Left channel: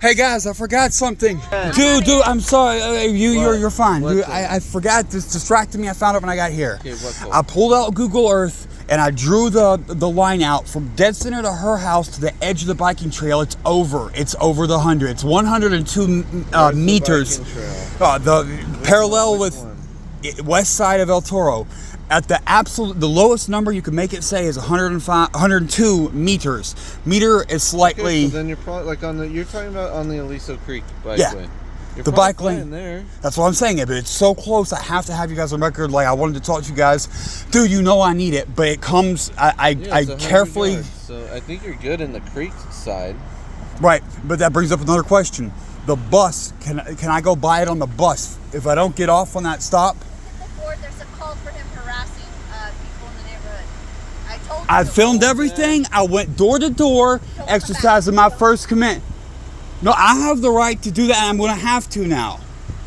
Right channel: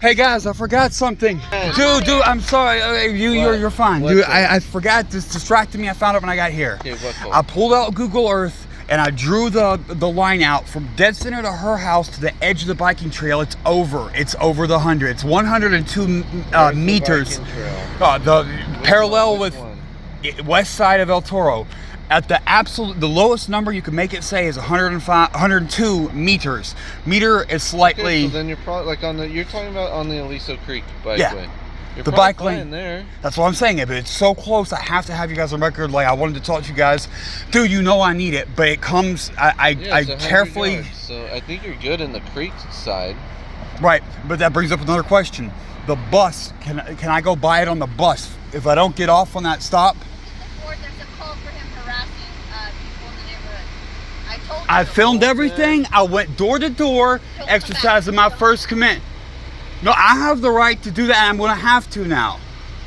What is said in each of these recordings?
Hey guys, I forgot something. Dude, I'm sorry. You're fine. Dude, I forgot. This distracted me. I found it when I got here. Okay, what call? I pulled out Google Earth and I drew the line out from dead center to her house to the edge of the biking trail. It's over. It's over the 100. It's 102 meters. The parallel with west side of El Toro. At the lowest number you can make it say is 102 meters. Meter is slightly. Okay, so then you're probably like you're talking about on the Aliso Creek bikeway. Yeah, the bike lane there. That's what I'm saying. But it's so close. I have to have you guys on record. Like I wanted to talk to you guys, dude. You know I need it, but it comes. I carefully. Yards, so I think you're good in the creek side. Right, but that brings up another question. The bus. Can I go buy it on the bus if I don't get off on that stop? I filmed everything. I went door to door, exercising my First Amendment. No, I have the right to do that. I'm going to have to now.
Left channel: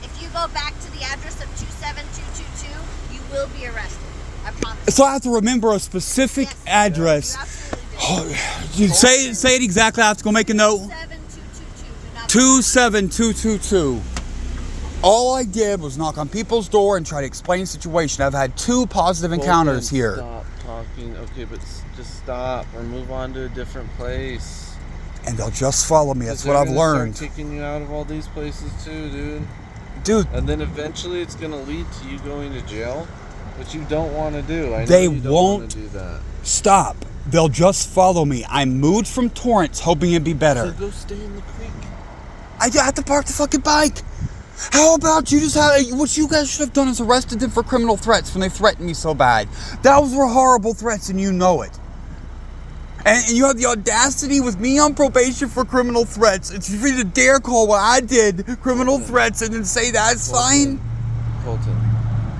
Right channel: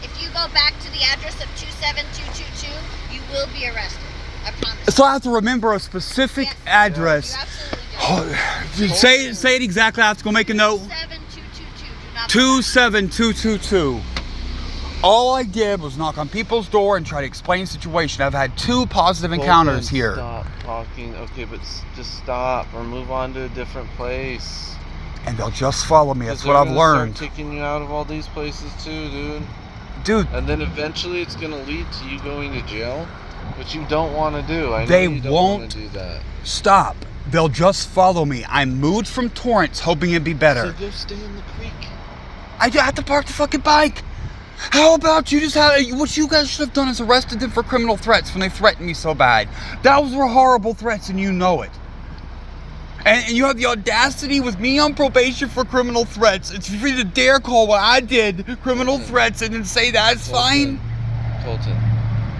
If you go back to the address of 27222, you will be arrested. I promise. So I have to remember a specific address. Say it exactly. I have to go make a note. 27222. All I did was knock on people's door and try to explain the situation. I've had 2 positive encounters here. Stop talking. Okay, but just stop or move on to a different place. And they'll just follow me. That's what I've learned. Start kicking you out of all these places too, dude. And then eventually it's going to lead to you going to jail, which you don't want to do. I know they you don't won't want to do that. Stop. They'll just follow me. I moved from Torrance hoping it'd be better. So go stay in the creek. I have to park the fucking bike. How about you just what you guys should have done is arrested them for criminal threats when they threatened me so bad. Those were horrible threats and you know it. And you have the audacity with me on probation for criminal threats. It's free to dare call what I did criminal threats and then say that's fine. Colton,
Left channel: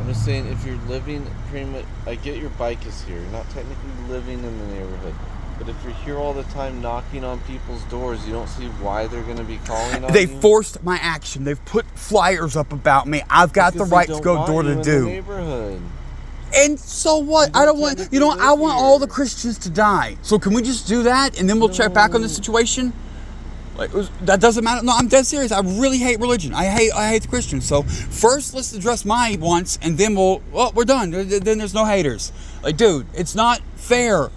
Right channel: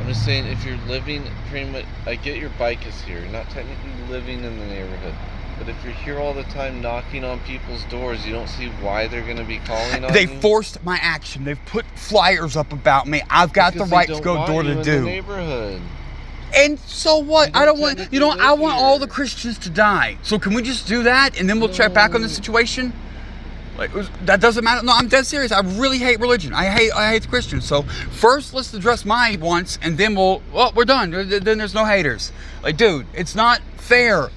I'm just saying if you're living pretty much, I get your bike is here. You're not technically living in the neighborhood. But if you're here all the time knocking on people's doors, you don't see why they're going to be calling on you? They forced my action. They've put flyers up about me. I've got the right to go door to door. The neighborhood. And so what? I don't want, I want all the Christians to die. So can we just do that and then we'll check back on the situation? Like that doesn't matter. No, I'm dead serious. I really hate religion. I hate the Christians. So first let's address my wants and then we're done. Then there's no haters. Like, dude, it's not fair.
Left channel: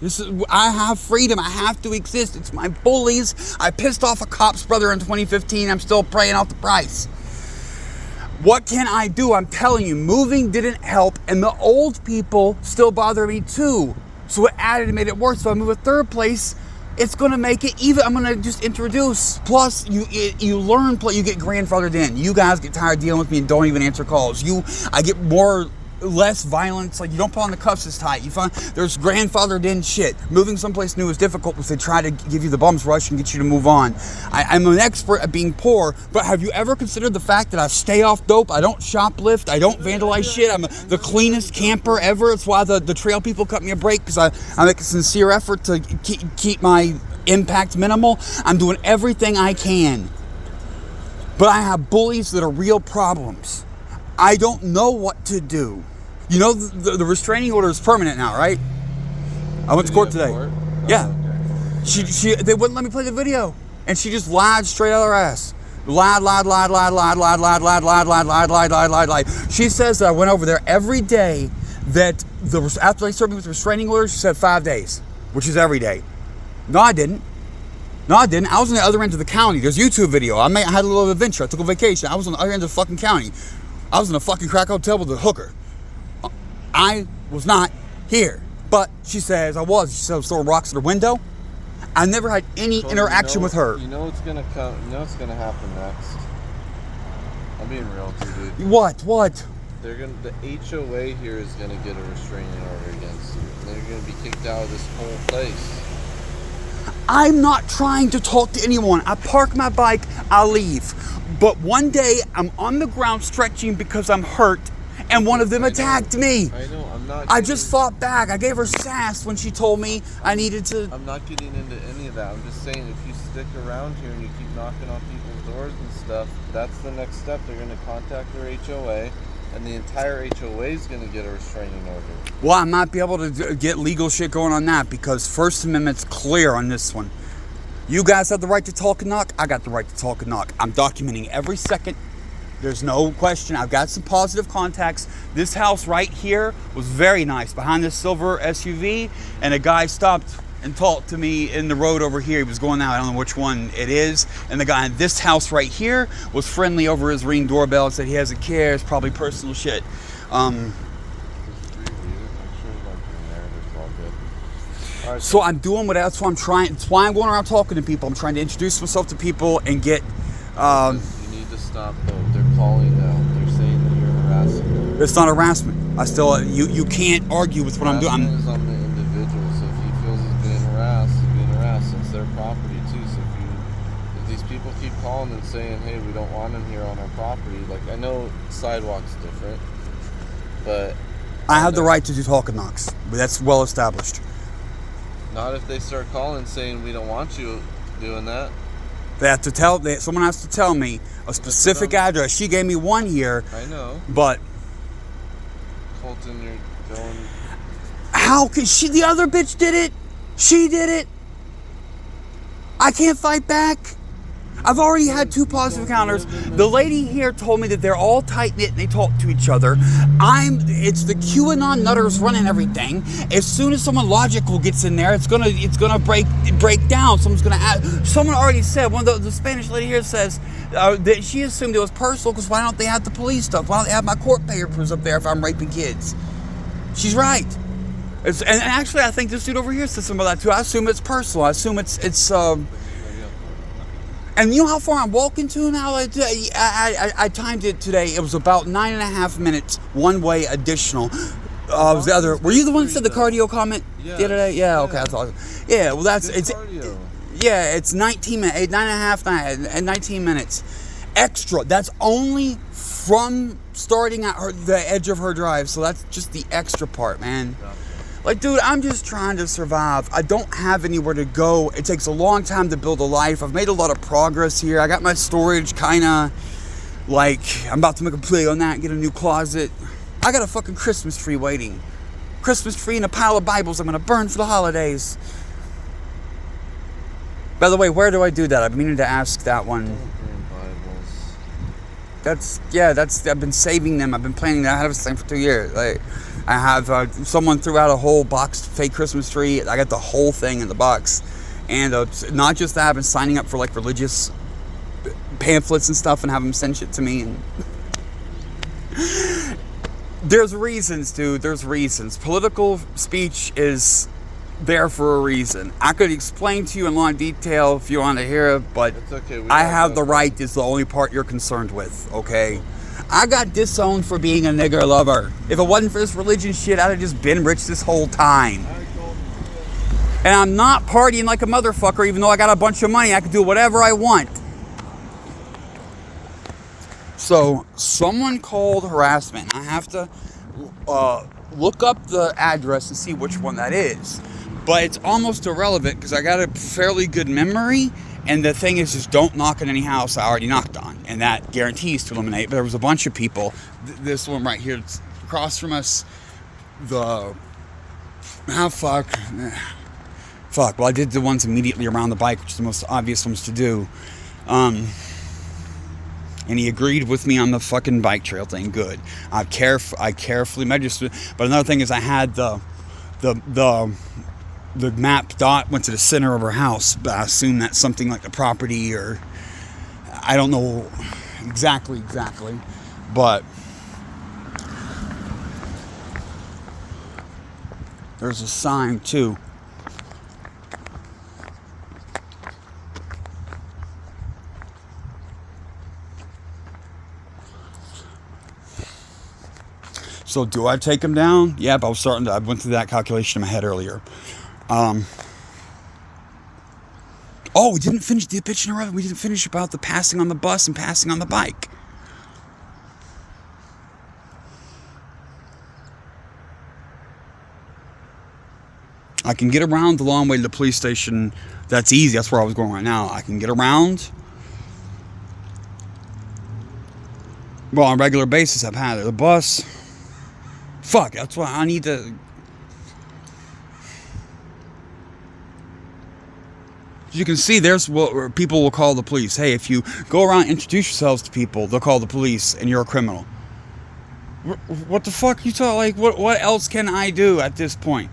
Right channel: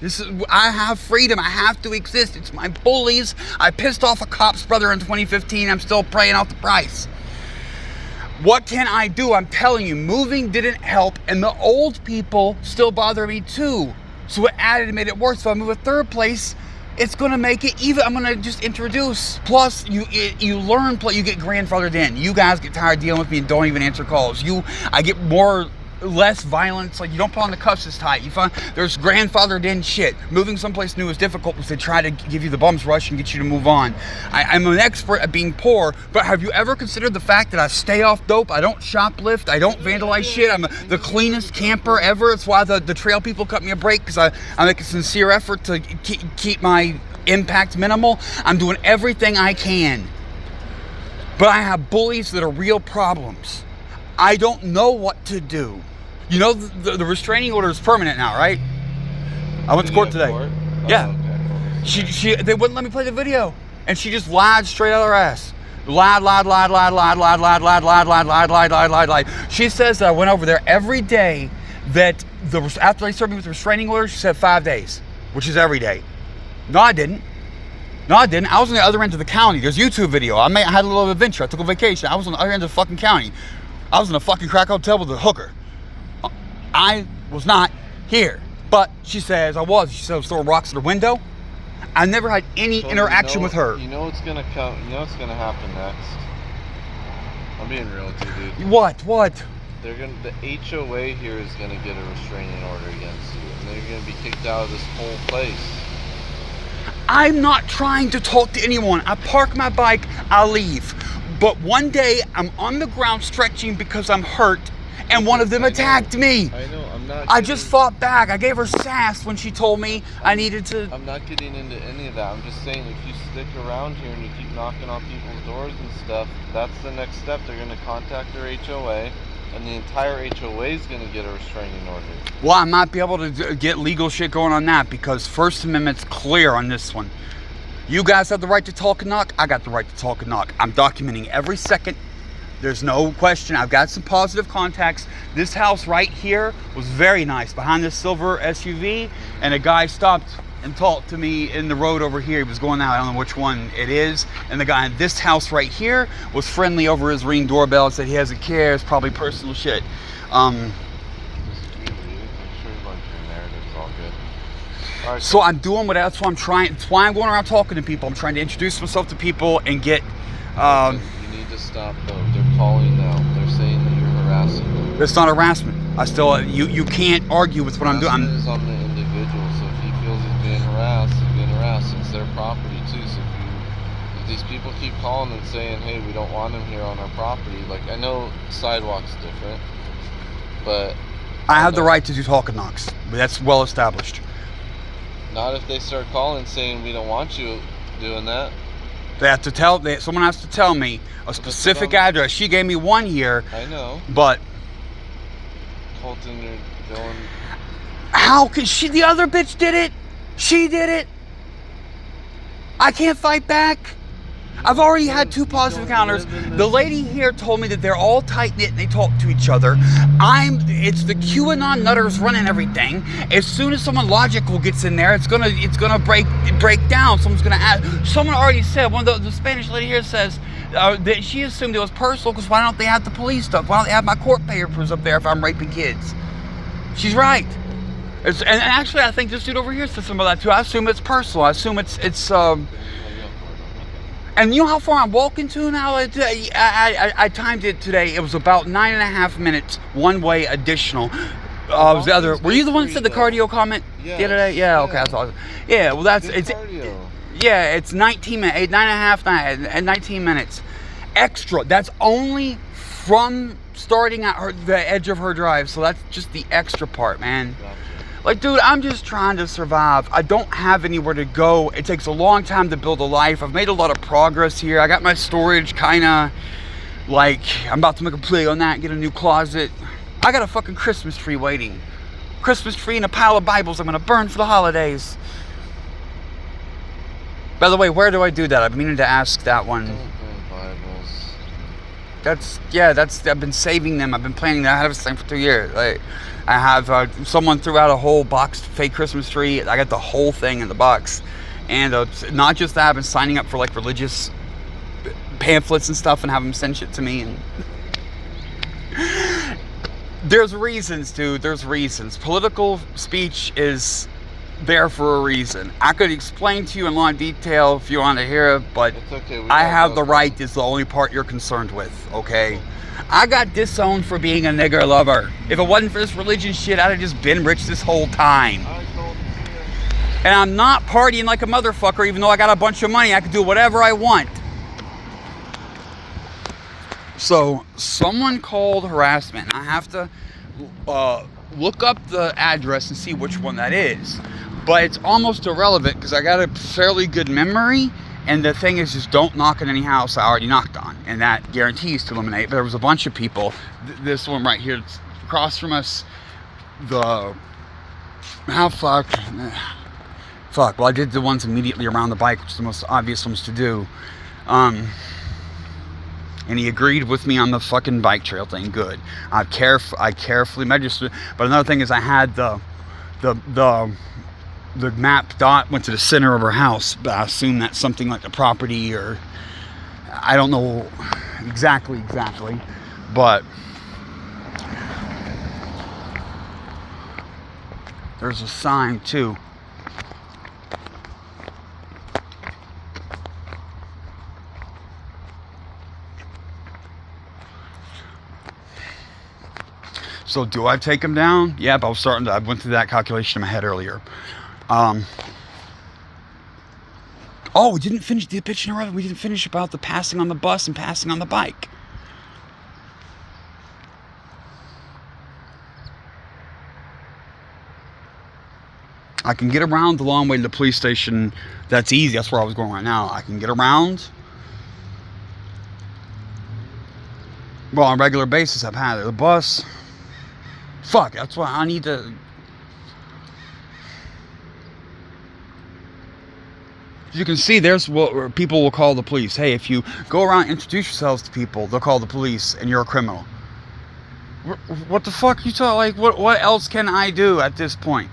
I have freedom. I have to exist. It's my bullies. I pissed off a cop's brother in 2015. I'm still paying off the price. What can I do? I'm telling you, moving didn't help, and the old people still bother me too. So it added and made it worse. So I move a third place. It's going to make it even. I'm going to just introduce. Plus, you learn. You get grandfathered in. You guys get tired dealing with me and don't even answer calls. I get less violence. Like you don't put on the cuffs as tight. You find there's grandfathered in shit. Moving someplace new is difficult because they try to give you the bum's rush and get you to move on. I'm an expert at being poor, but have you ever considered the fact that I stay off dope? I don't shoplift. I don't vandalize shit. I'm the cleanest camper ever. It's why the trail people cut me a break because I make a sincere effort to keep my impact minimal. I'm doing everything I can, but I have bullies that are real problems. I don't know what to do. You know, the restraining order is permanent now, right? I went to court today. Yeah. Okay. They wouldn't let me play the video. And she just lied straight out of her ass. Lied. She says that I went over there every day that after they served me with the restraining order, she said 5 days, which is every day. No, I didn't. I was on the other end of the county. There's a YouTube video. I had a little adventure. I took a vacation. I was on the other end of the fucking county. I was in a fucking crack hotel with a hooker. I was not here. But she says I was. She said I was throwing rocks at the window. I never had any interaction with her. You know what's gonna come. You know what's gonna happen next. I'm being real with you, dude. What? The HOA here is gonna get a restraining order against you, and then you're gonna be kicked out of this whole place. I'm not trying to talk to anyone. I park my bike. I leave. But one day I'm on the ground stretching because I'm hurt. And one of them attacked me. I know, I'm not. I just fought back. I gave her sass when she told me I needed to. I'm not getting into any of that. I'm just saying if you stick around here and you keep knocking on people's doors and stuff, that's the next step. They're going to contact their HOA, and the entire HOA is going to get a restraining order. Well, I might be able to get legal shit going on that because First Amendment's clear on this one. You guys have the right to talk and knock. I got the right to talk and knock. I'm documenting every second. There's no question. I've got some positive contacts. This house right here was very nice. Behind this silver SUV, and a guy stopped and talked to me in the road over here. He was going out. I don't know which one it is. And the guy in this house right here was friendly over his Ring doorbell and said he doesn't care. It's probably personal shit. So I'm doing what that's why I'm trying. That's why I'm going around talking to people. I'm trying to introduce myself to people and get. You need to stop though. They're calling now. They're saying that you're harassing them. It's not harassment. I still you can't argue with what I'm doing. Harassment is on the individual. So if he feels he's being harassed, he's being harassed. It's their property too. So if these people keep calling and saying, "Hey, we don't want him here on our property," like I know sidewalk's different, but I have the right to do talk and knocks. That's well established. Not if they start calling saying we don't want you doing that. They have to tell. Someone has to tell me a specific address. She gave me one here. I know. But Colton, you're going. How could she? The other bitch did it. She did it. I can't fight back. I've already had 2 positive encounters. The lady here told me that they're all tight-knit and they talk to each other. It's the QAnon nutters running everything. As soon as someone logical gets in there, it's gonna break down. Someone already said, one of the Spanish lady here says that she assumed it was personal because why don't they have the police stuff? Why don't they have my court papers up there if I'm raping kids? She's right. And actually, I think this dude over here said something about that too. I assume it's personal. I assume it's and you know how far I'm walking to now? I timed it today. It was about 9.5 minutes, one way additional. Was the other? Were you the one that said the cardio comment the other day? Yeah. Okay. I thought. Yeah. Well, it's 19 minutes, 9.5, 19 minutes extra. That's only from starting at the edge of her drive. So that's just the extra part, man. Like, dude, I'm just trying to survive. I don't have anywhere to go. It takes a long time to build a life. I've made a lot of progress here. I got my storage kind of, like, I'm about to make a play on that, get a new closet. I got a fucking Christmas tree waiting. Christmas tree and a pile of Bibles I'm going to burn for the holidays. By the way, where do I do that? I've been meaning to ask that one. Don't burn Bibles. I've been saving them. I've been planning that. I have this thing for 2 years. Like, I have someone threw out a whole boxed fake Christmas tree. I got the whole thing in the box. And not just that, I've been signing up for like religious pamphlets and stuff and have them send shit to me. And there's reasons, dude. There's reasons. Political speech is there for a reason. I could explain to you in long detail if you want to hear it, but it's okay. I have the right is the only part you're concerned with, okay? I got disowned for being a nigger lover. If it wasn't for this religion shit, I'd have just been rich this whole time. And I'm not partying like a motherfucker, even though I got a bunch of money. I can do whatever I want. So, someone called harassment. I have to look up the address and see which one that is. But it's almost irrelevant because I got a fairly good memory. And the thing is, just don't knock on any house I already knocked on. And that guarantees to eliminate. But there was a bunch of people. This one right here, across from us. Well, I did the ones immediately around the bike, which is the most obvious ones to do. And he agreed with me on the fucking bike trail thing. Good. I carefully measured. But another thing is I had the map dot went to the center of her house, but I assume that's something like the property, or I don't know exactly, but there's a sign too. So do I take him down? Yeah, but I went through that calculation in my head earlier. We didn't finish the pitch in a row. We didn't finish about the passing on the bus and passing on the bike. I can get around the long way to the police station. That's easy. That's where I was going right now. I can get around. Well, on a regular basis, I've had it. The bus. Fuck, that's why I need to. You can see there's what people will call the police. Hey, if you go around and introduce yourselves to people, they'll call the police and you're a criminal. What the fuck you talking? Like, what else can I do at this point?